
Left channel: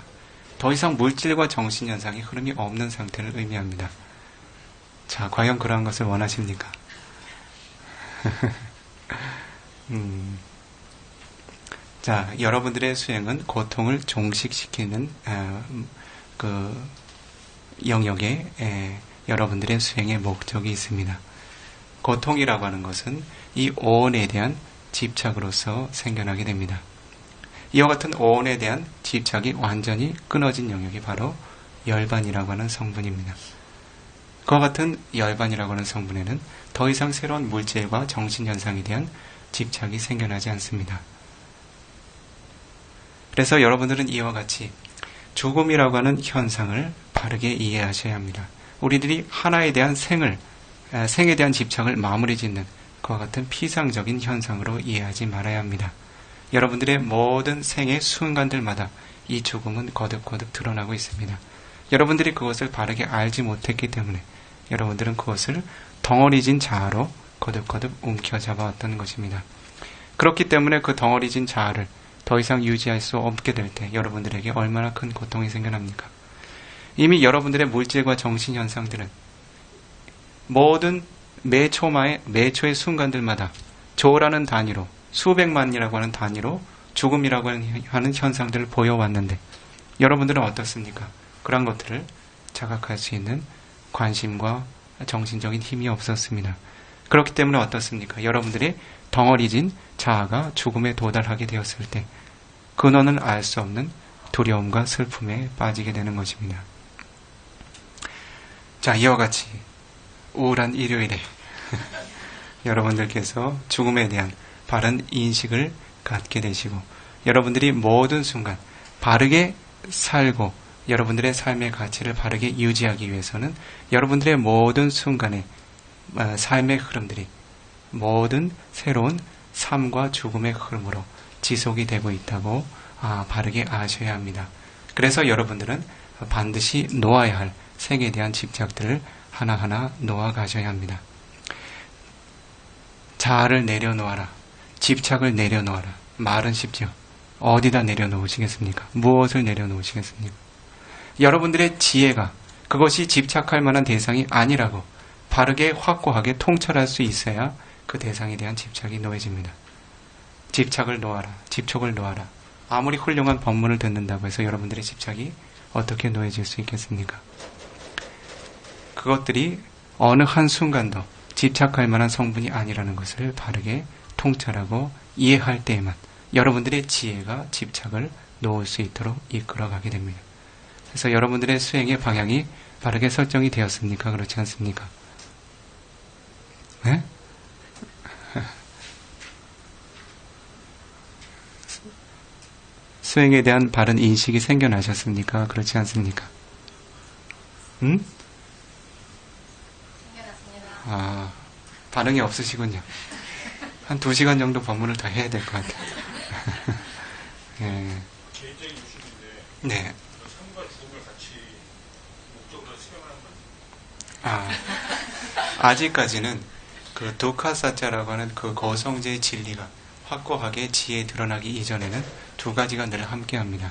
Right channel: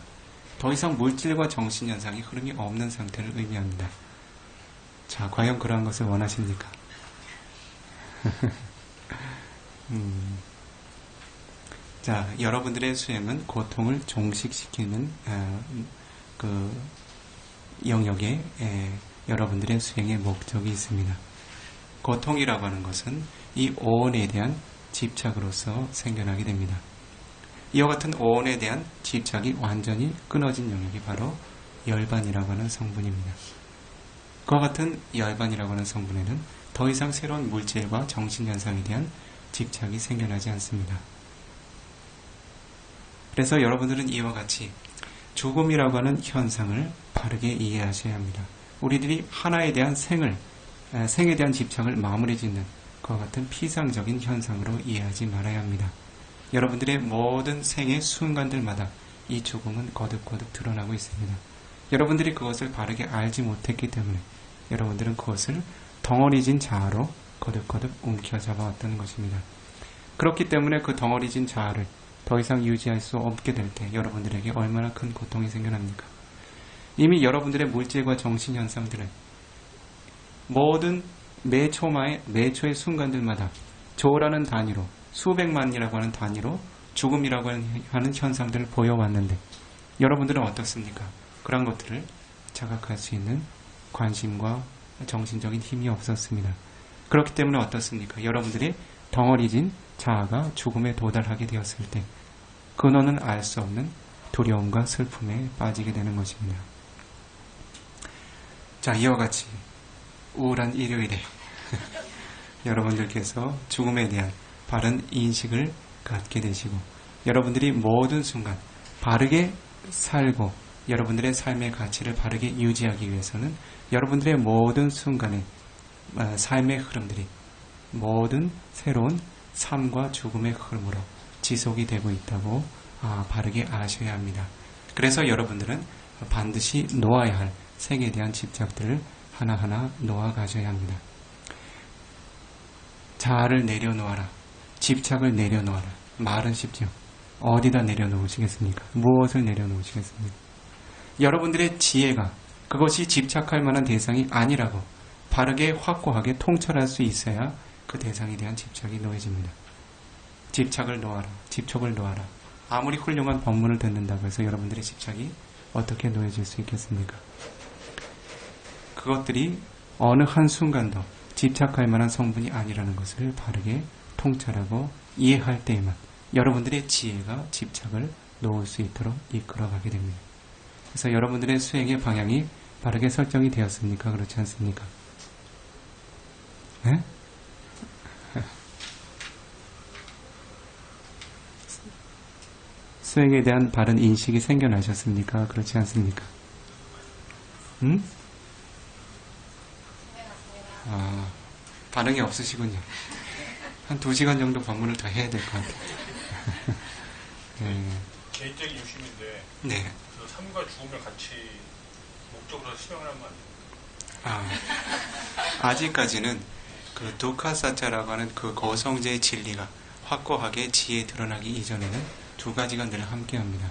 더 이상 물질과 정신현상이 흐름이 없는 상태를 의미합니다. 자, 과연 그러한 것을 원하십니까? 자, 여러분들의 수행은 고통을 종식시키는 그 영역에 여러분들의 수행의 목적이 있습니다. 고통이라고 하는 것은 이 오온에 대한 집착으로서 생겨나게 됩니다. 이와 같은 오온에 대한 집착이 완전히 끊어진 영역이 바로 열반이라고 하는 성분입니다. 그와 같은 열반이라고 하는 성분에는 더 이상 새로운 물질과 정신현상에 대한 집착이 생겨나지 않습니다. 그래서 여러분들은 이와 같이 죽음이라고 하는 현상을 바르게 이해하셔야 합니다. 우리들이 하나에 대한 생에 대한 집착을 마무리 짓는 그와 같은 피상적인 현상으로 이해하지 말아야 합니다. 여러분들의 모든 생의 순간들마다 이 죽음은 거듭거듭 드러나고 있습니다. 여러분들이 그것을 바르게 알지 못했기 때문에 여러분들은 그것을 덩어리진 자아로 거듭거듭 움켜잡아왔다는 것입니다. 그렇기 때문에 그 덩어리진 자아를 더 이상 유지할 수 없게 될 때 여러분들에게 얼마나 큰 고통이 생겨납니까? 이미 여러분들의 물질과 정신 현상들은 모든 매초의 순간들마다 조라는 단위로 수백만이라고 하는 단위로 죽음이라고 하는 현상들을 보여왔는데 여러분들은 어떻습니까? 그런 것들을 자각할 수 있는 관심과 정신적인 힘이 없었습니다. 그렇기 때문에 어떻습니까? 여러분들의 덩어리진 자아가 죽음에 도달하게 되었을 때 근원은 알 수 없는 두려움과 슬픔에 빠지게 되는 것입니다. 자, 이와 같이 우울한 일요일에 여러분들께서 죽음에 대한 바른 인식을 갖게 되시고 여러분들이 모든 순간 바르게 살고 여러분들의 삶의 가치를 바르게 유지하기 위해서는 여러분들의 모든 순간의 삶의 흐름들이 모든 새로운 삶과 죽음의 흐름으로 지속이 되고 있다고 바르게 아셔야 합니다. 그래서 여러분들은 반드시 놓아야 할 생에 대한 집착들을 하나하나 놓아 가셔야 합니다. 자아를 내려놓아라. 집착을 내려놓아라. 말은 쉽죠. 어디다 내려놓으시겠습니까? 무엇을 내려놓으시겠습니까? 여러분들의 지혜가 그것이 집착할 만한 대상이 아니라고 바르게 확고하게 통찰할 수 있어야 그 대상에 대한 집착이 놓여집니다. 집착을 놓아라. 집촉을 놓아라. 아무리 훌륭한 법문을 듣는다고 해서 여러분들의 집착이 어떻게 놓여질 수 있겠습니까? 그것들이 어느 한순간도 집착할 만한 성분이 아니라는 것을 바르게 통찰하고 이해할 때에만 여러분들의 지혜가 집착을 놓을 수 있도록 이끌어가게 됩니다. 그래서 여러분들의 수행의 방향이 바르게 설정이 되었습니까? 그렇지 않습니까? 네? 수행에 대한 바른 인식이 생겨나셨습니까? 그렇지 않습니까? 응? 반응이 없으시군요. 한 2시간 정도 법문을 더 해야 될 것 같아요. 네. 개인적인 욕심인데, 네. 삶과 죽음을 같이 목적으로 수행을 하면 아직까지는 그 두카사자라고 하는 그 고성제의 진리가 확고하게 지혜에 드러나기 이전에는 2가지가 늘 함께합니다.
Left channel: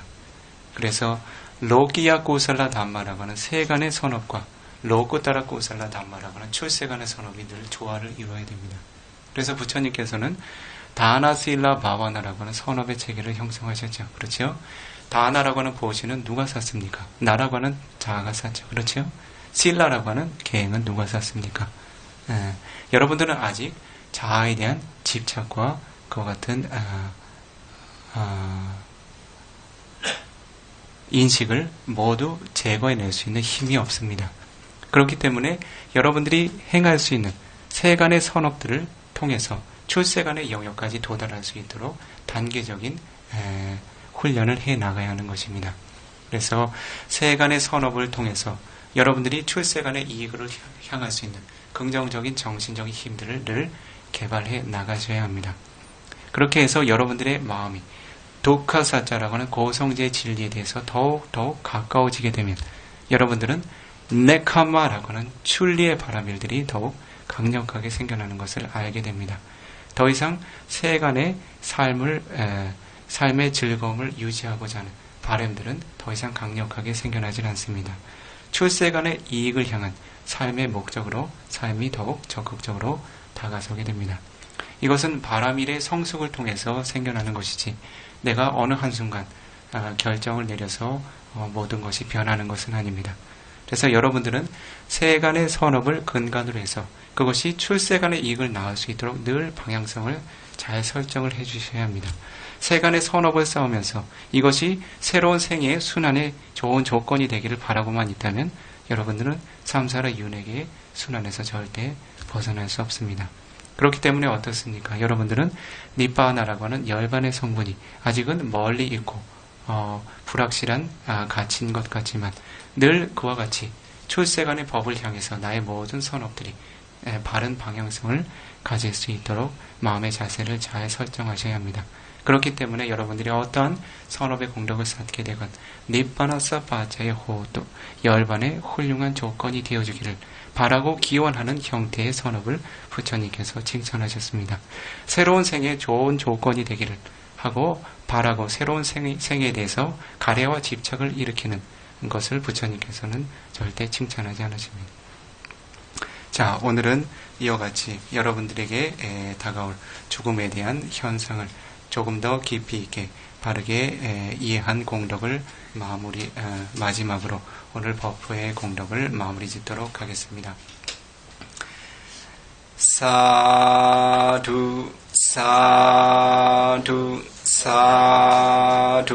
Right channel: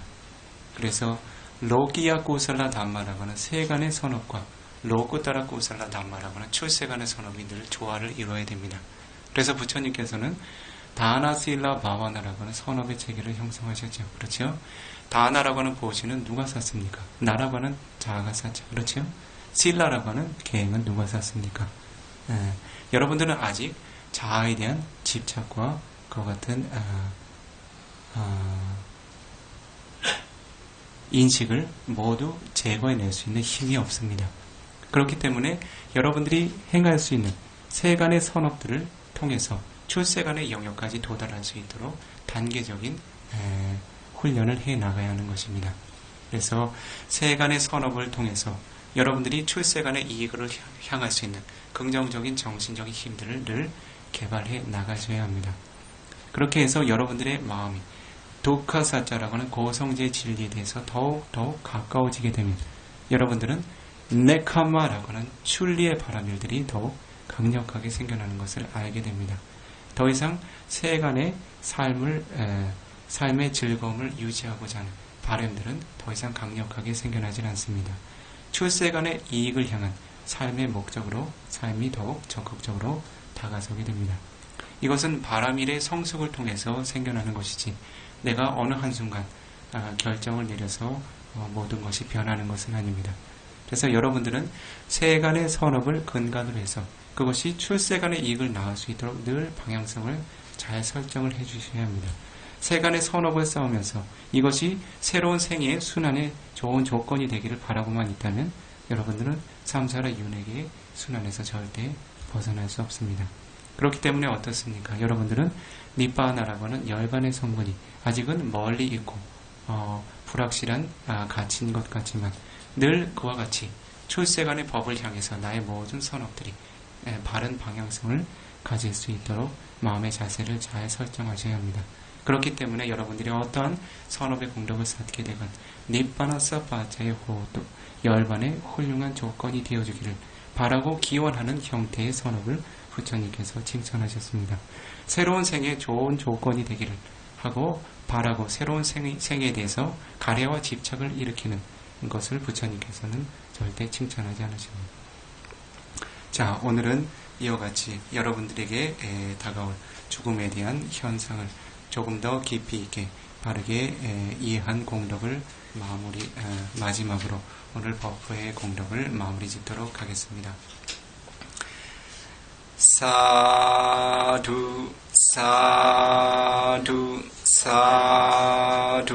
그래서 로기야 고살라 담마라고 하는 세간의 선업과 로쿠따라 고살라 담마라고 하는 출세간의 선업이 늘 조화를 이루어야 됩니다. 그래서 부처님께서는 다나실라 바와나라고 하는 선업의 체계를 형성하셨죠. 그렇죠? 다나라고 하는 보시는 누가 샀습니까? 나라고 하는 자아가 샀죠. 그렇죠? 실라라고 하는 계행은 누가 샀습니까? 여러분들은 아직 자아에 대한 집착과 그와 같은 인식을 모두 제거해낼 수 있는 힘이 없습니다. 그렇기 때문에 여러분들이 행할 수 있는 세간의 선업들을 통해서 출세간의 영역까지 도달할 수 있도록 단계적인 훈련을 해 나가야 하는 것입니다. 그래서 세간의 선업을 통해서 여러분들이 출세간의 이익을 향할 수 있는 긍정적인 정신적인 힘들을 늘 개발해 나가셔야 합니다. 그렇게 해서 여러분들의 마음이 두카사자라고 하는 고성제의 진리에 대해서 더욱 가까워지게 되면 여러분들은 네카마라고 하는 출리의 바람일들이 더욱 강력하게 생겨나는 것을 알게 됩니다. 더 이상 세간의 삶의 즐거움을 유지하고자 하는 바람들은 더 이상 강력하게 생겨나질 않습니다. 출세간의 이익을 향한 삶의 목적으로 삶이 더욱 적극적으로 다가서게 됩니다. 이것은 바람일의 성숙을 통해서 생겨나는 것이지 내가 어느 한순간 결정을 내려서 모든 것이 변하는 것은 아닙니다. 그래서 여러분들은 세간의 선업을 근간으로 해서 그것이 출세간의 이익을 낳을 수 있도록 늘 방향성을 잘 설정을 해주셔야 합니다. 세간의 선업을 쌓으면서 이것이 새로운 생애의 순환의 좋은 조건이 되기를 바라고만 있다면 여러분들은 삼사라 윤회계의 순환에서 절대 벗어날 수 없습니다. 그렇기 때문에 어떻습니까? 여러분들은 니빠나라고 하는 열반의 성분이 아직은 멀리 있고 불확실한 가치인 것 같지만 늘 그와 같이 출세간의 법을 향해서 나의 모든 선업들이 바른 방향성을 가질 수 있도록 마음의 자세를 잘 설정하셔야 합니다. 그렇기 때문에 여러분들이 어떠한 선업의 공덕을 쌓게 되건 니빠나사 바자의 호도 열반의 훌륭한 조건이 되어주기를 바라고 기원하는 형태의 선업을 부처님께서 칭찬하셨습니다. 새로운 생에 좋은 조건이 되기를 하고 바라고 새로운 생에 대해서 가래와 집착을 일으키는 것을 부처님께서는 절대 칭찬하지 않으십니다. 자, 오늘은 이와 같이 여러분들에게 다가올 죽음에 대한 현상을 조금 더 깊이 있게 바르게 이해한 공덕을 마지막으로 오늘 법회의 공덕을 마무리 짓도록 하겠습니다. 사두 사두 사두